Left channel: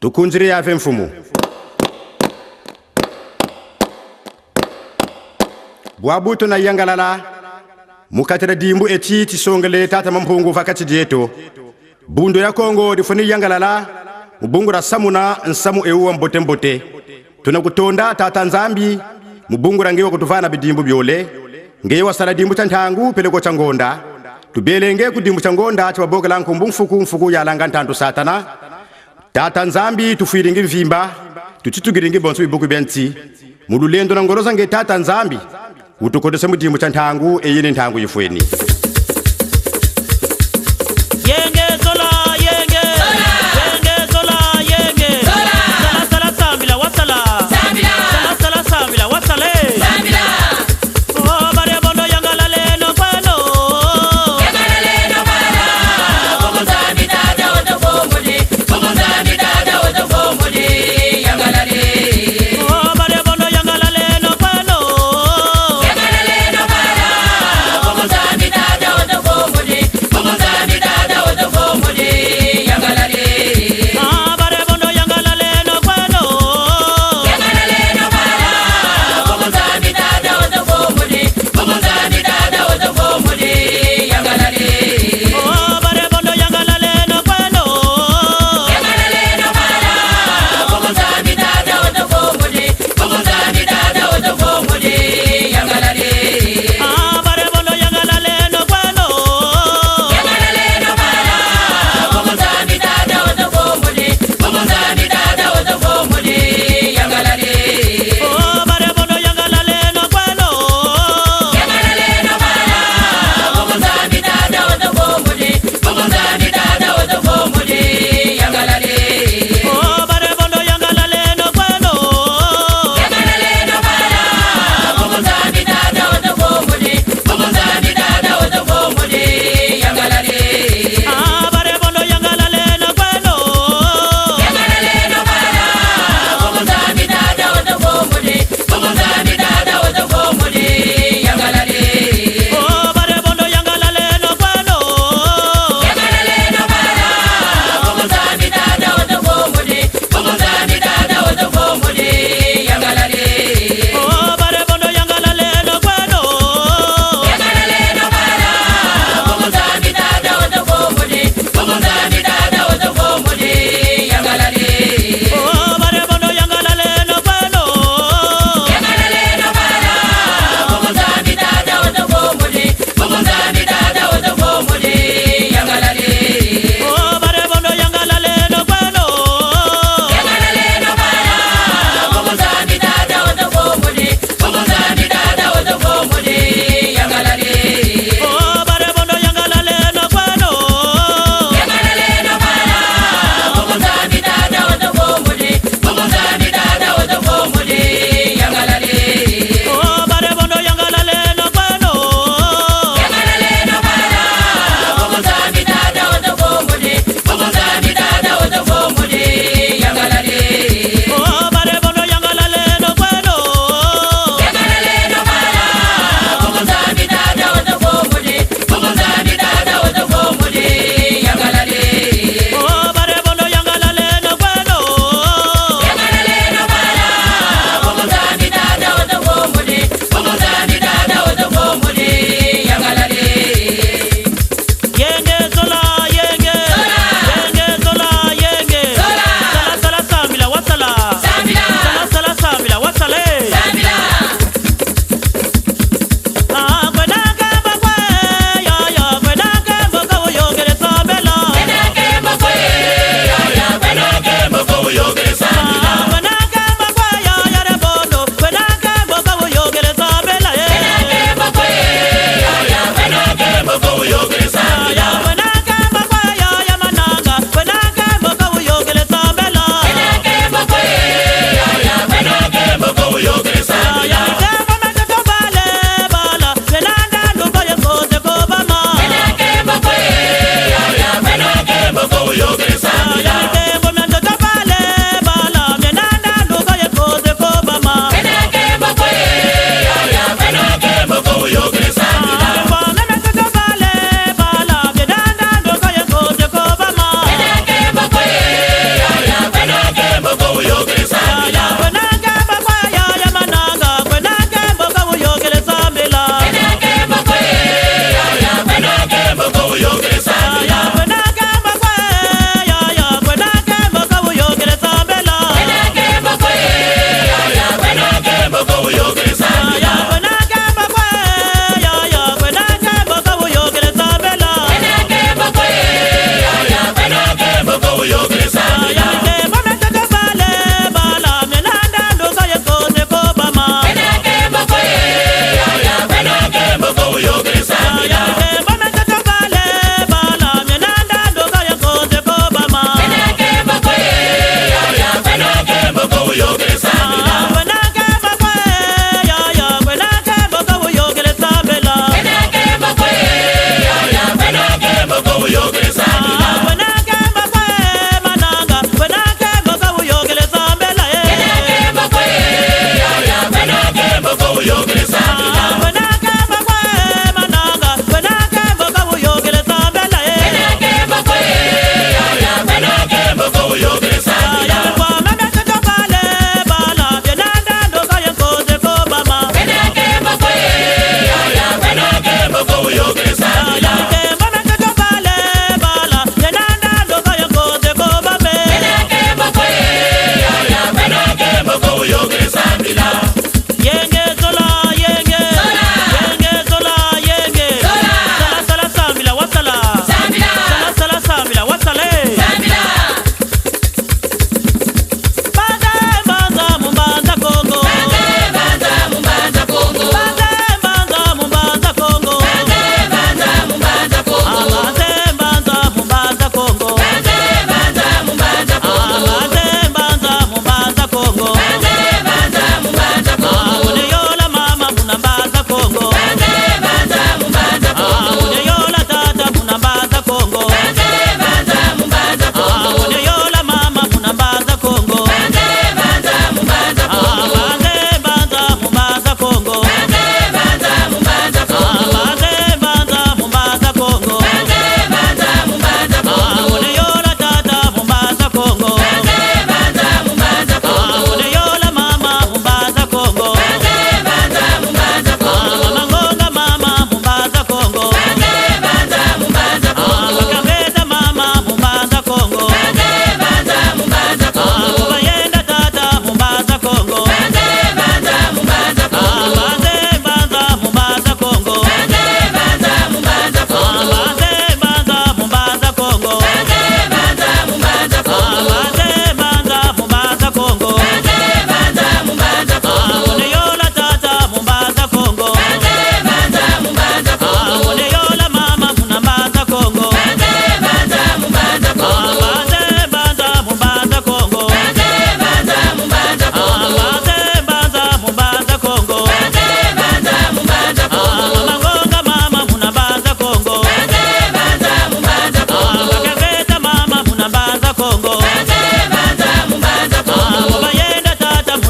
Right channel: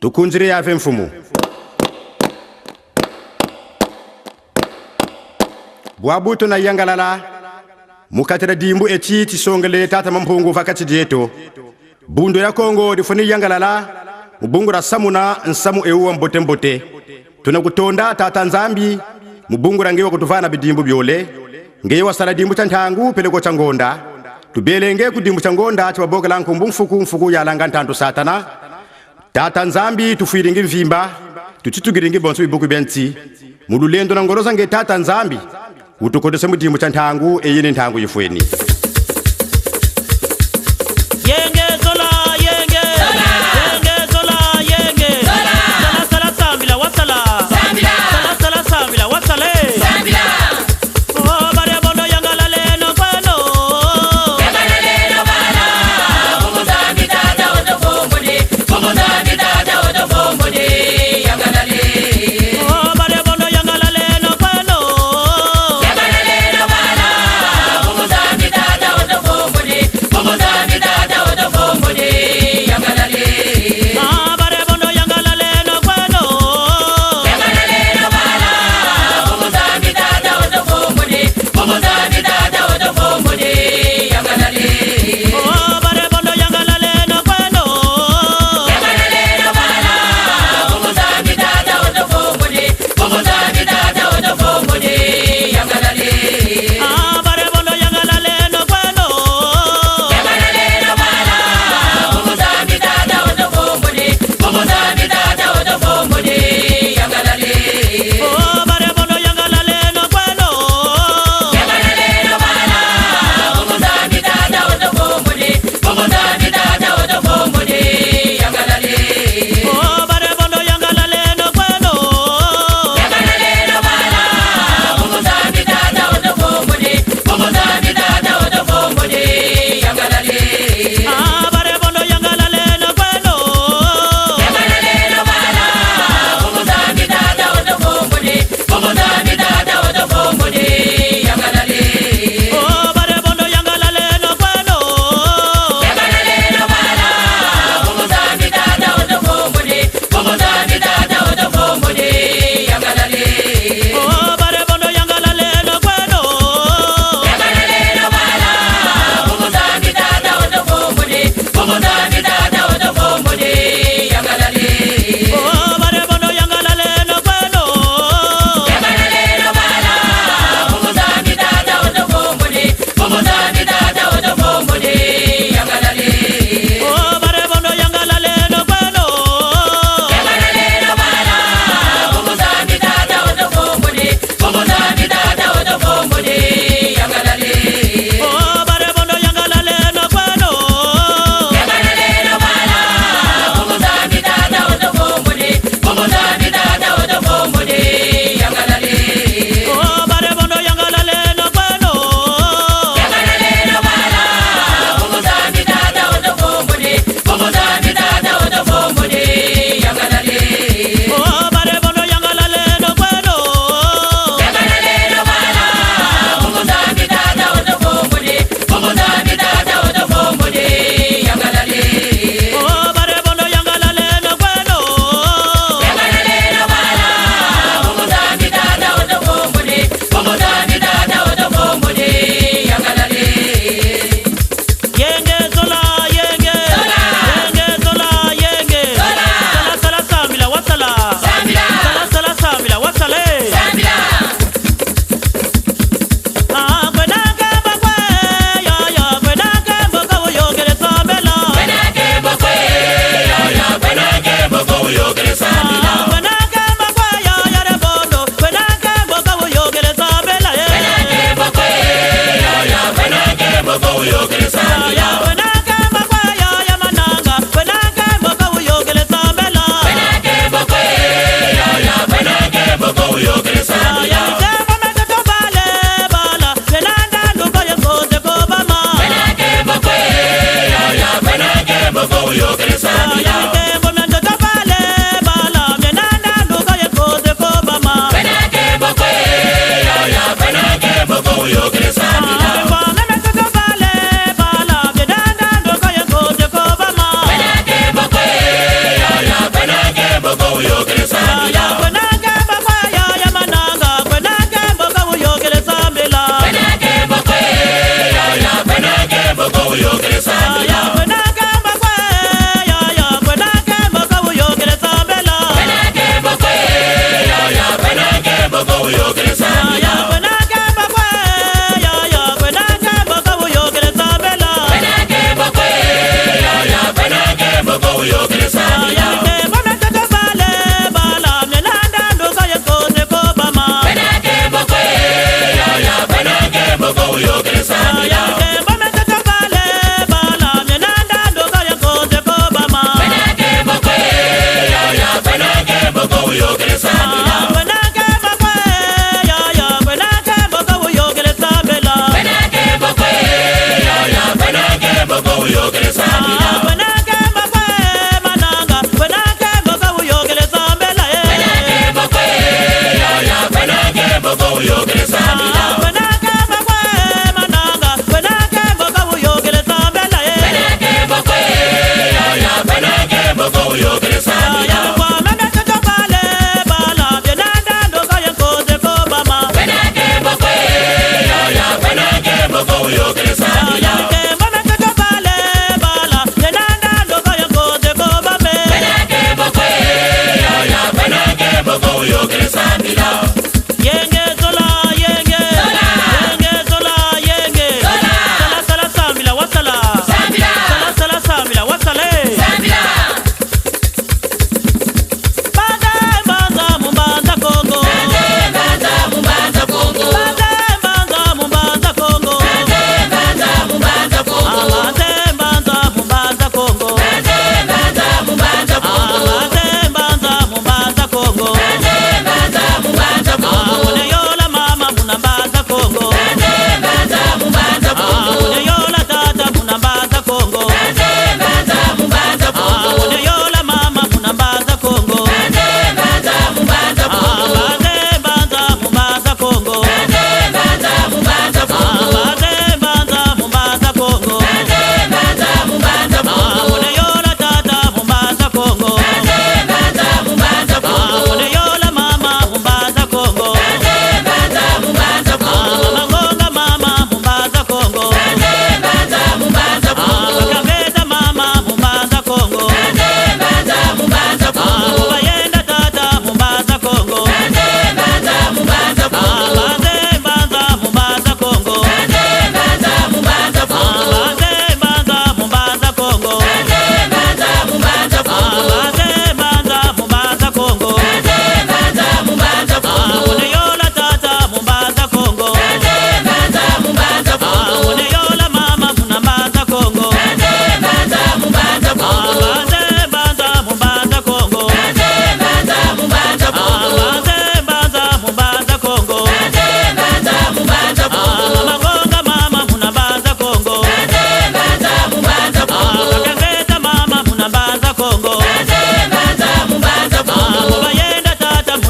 tukunjire yave mfumu bwabuto na yangalala mukatira dimbu eti tisongele tata mampungu vakati dieto bundo ya Kongo difuni yangalala mubungura samuna nsamu ewa mbote mbote tunakutonda tata nzambi mubungura ngewa kutuvana bidimbu byole ngewa sala dimbu chantangu peleko changonda tubelenge kudimbu changonda chibaboga lankumbu mfuku ya langa ntantu satana tata nzambi tufiringi mvimba tuchitugiringi bonso bibuku benti mululendo na ngoroza nge tata nzambi utukodese mudimbu chantangu eyini ntangu yifweni yenge zola yenge yenge zola yenge sala sala sambila wasala sala sala sambila wasale oh bare bono yangala leno kweno oh bare bono yangala leno kweno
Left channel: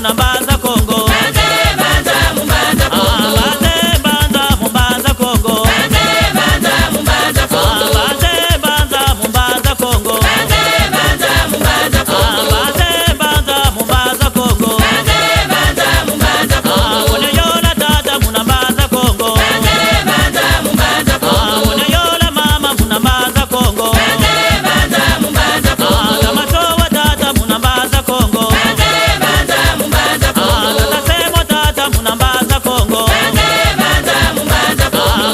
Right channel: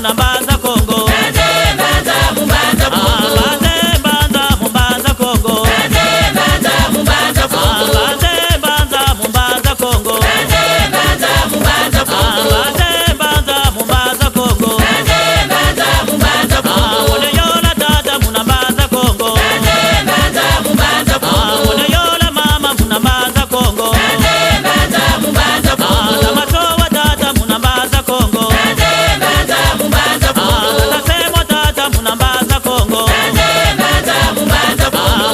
munambaza Kongo. Mbaze banza mumbaza Kongo. Mbaze banza mumbaza Kongo. Mbaze banza mumbaza Kongo. Mone yola tata munambaza Kongo. Mone yola mama munambaza Kongo. Tamatowa tata munambaza Kongo. Tata semo tata munambaza Kongo.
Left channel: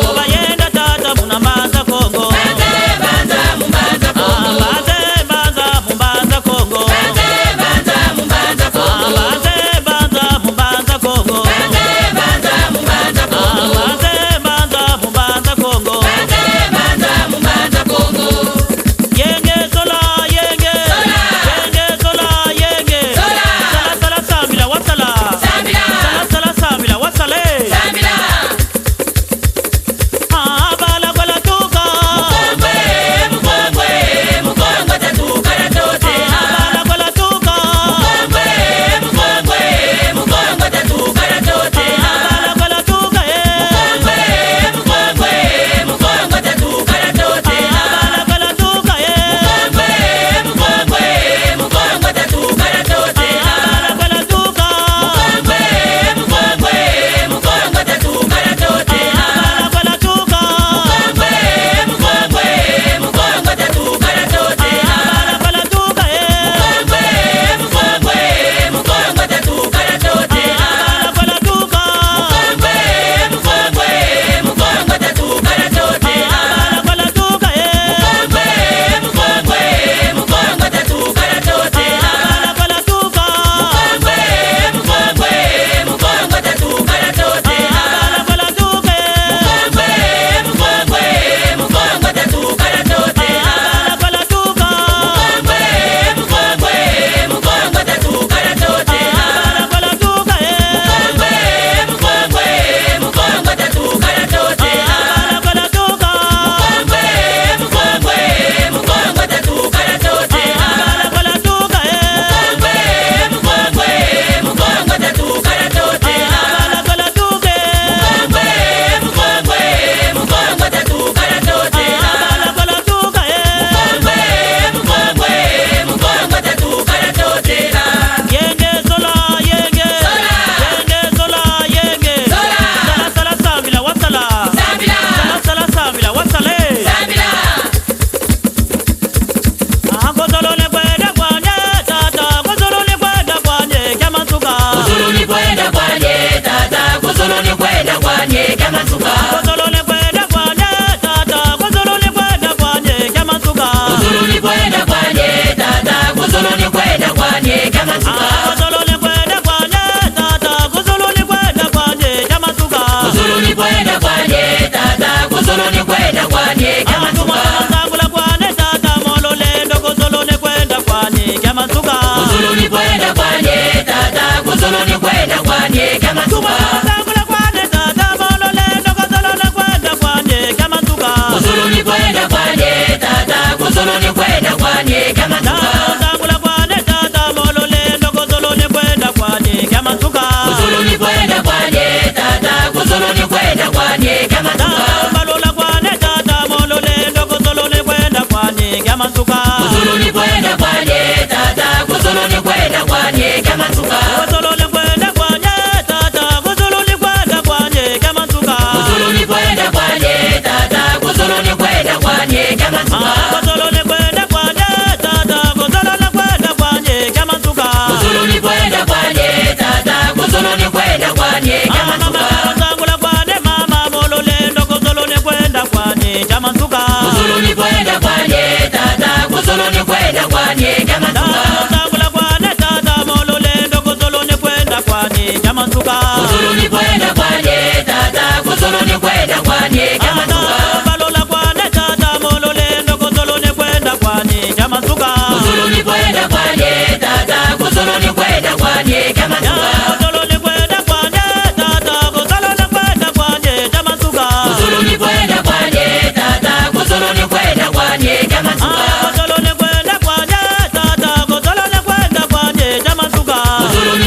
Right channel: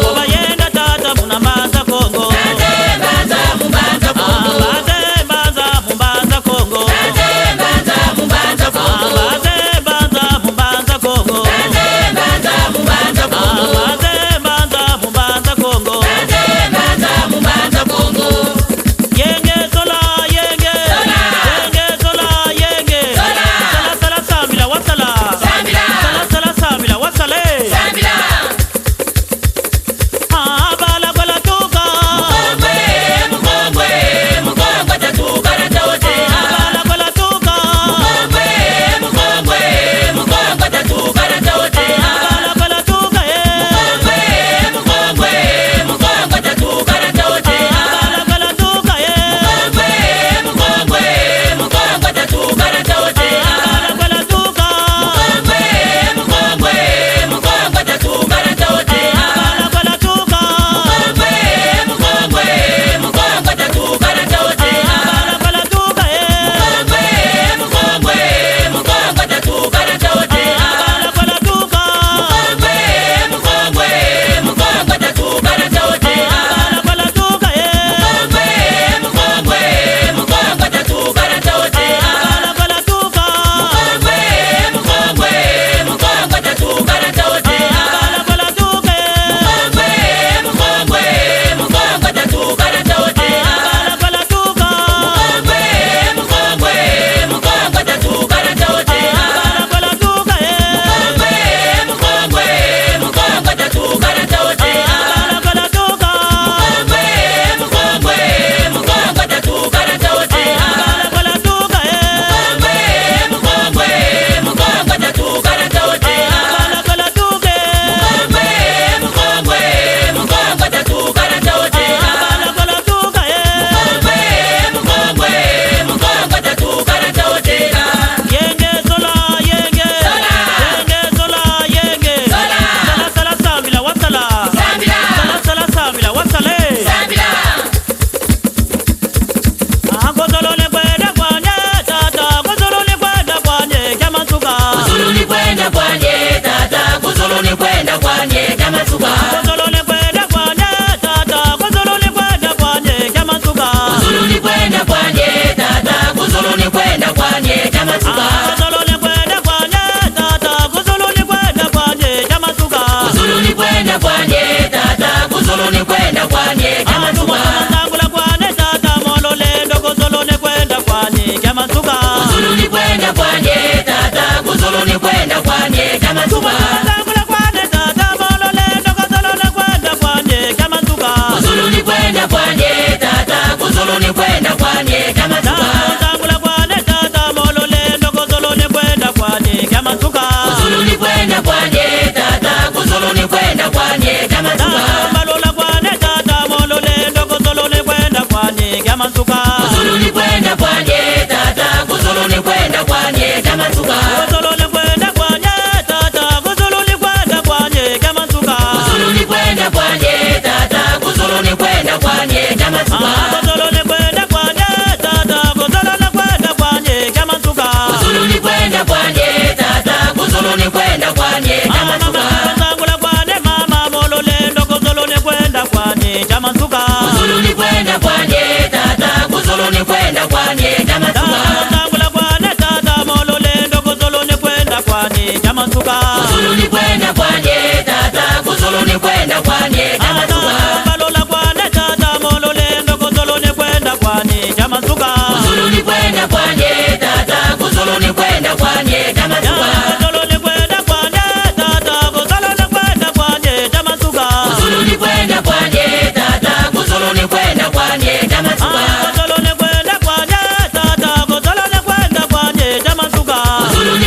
Boba yenda tata munambaza Kongo. Mbaze banza mumbaza Kongo. Mbaze banza mumbaza Kongo. Mbaze banza mumbaza Kongo. Yenge zola yenge, yenge zola yenge. Sala sala samila wasala, sala sala samila wasale. Bala bala tuka, bala bala tuka, bala bala tuka bala bala tuka bala bala tuka.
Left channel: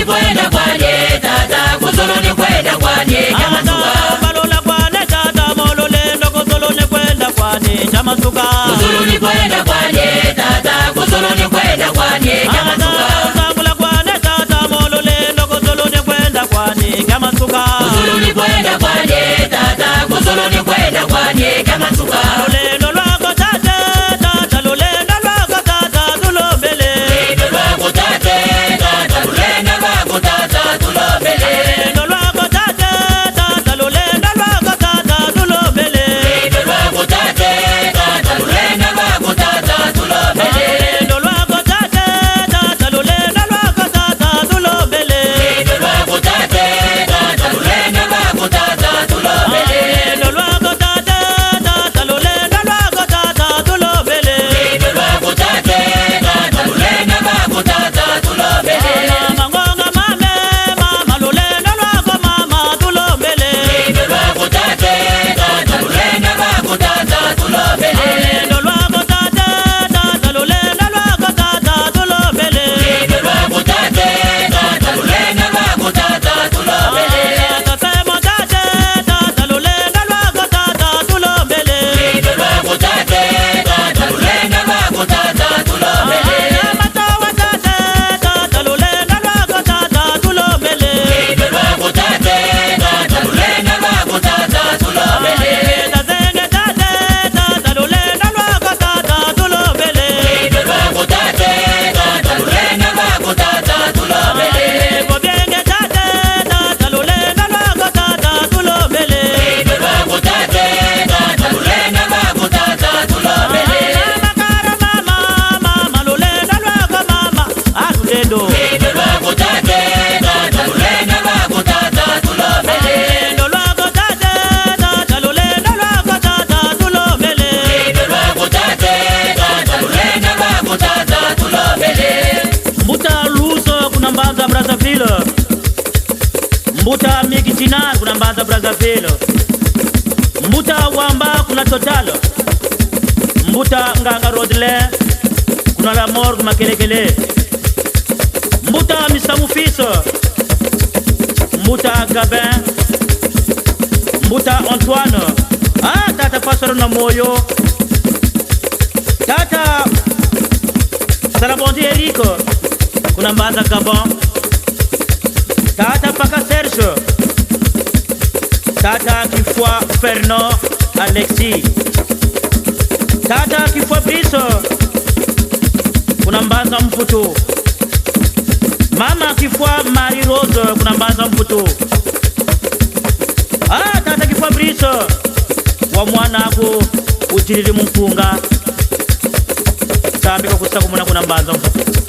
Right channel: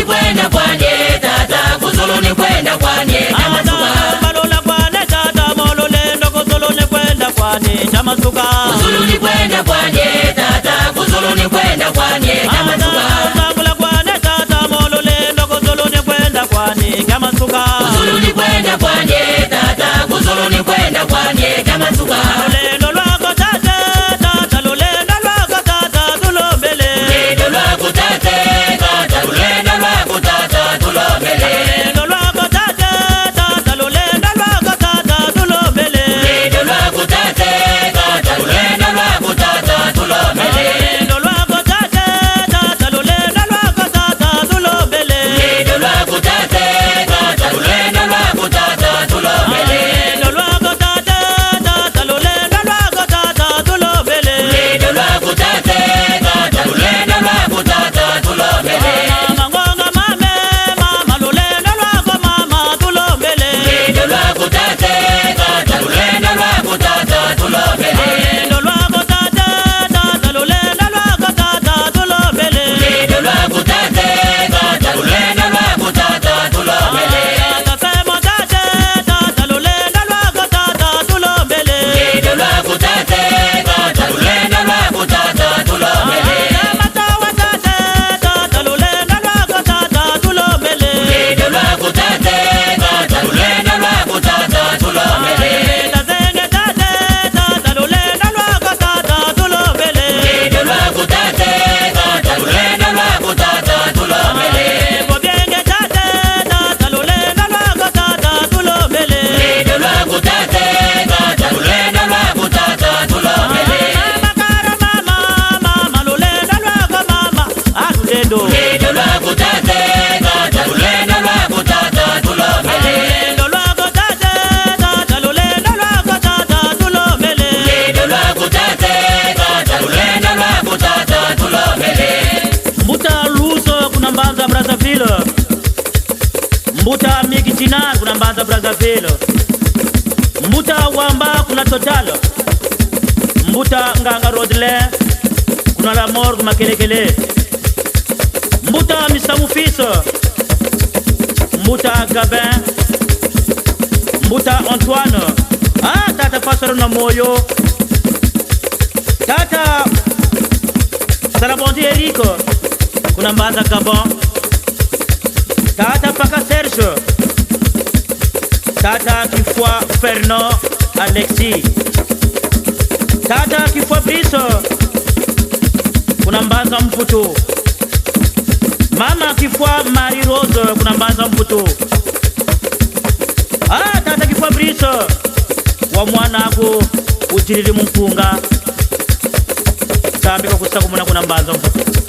Kwenda Mbuta Migitina kuna Mbanza Brazzaville. Mbuta Wamba kuna Total. Mbuta Nganga Rodele kuna La Morgue Makelekele. Mbuta Misamu Fiso. Mbuta Gabin. Mbuta Antoine. Tata Pastor na Moyo. Tata Salabondi Erico kuna Mbanza Gabon. Tata Paka Serge. Tata Kifwa Fernand Alexis. Tata Kifwa Briso kuna Mbanza Mputu. Mama Kifwa Marie Rose kuna Mbanza Mputu. Tata Kifwa Briso wa mwana ako ujiriri mumpunga. Sambi kwa kusakumuna kuna Mbanza Mputu.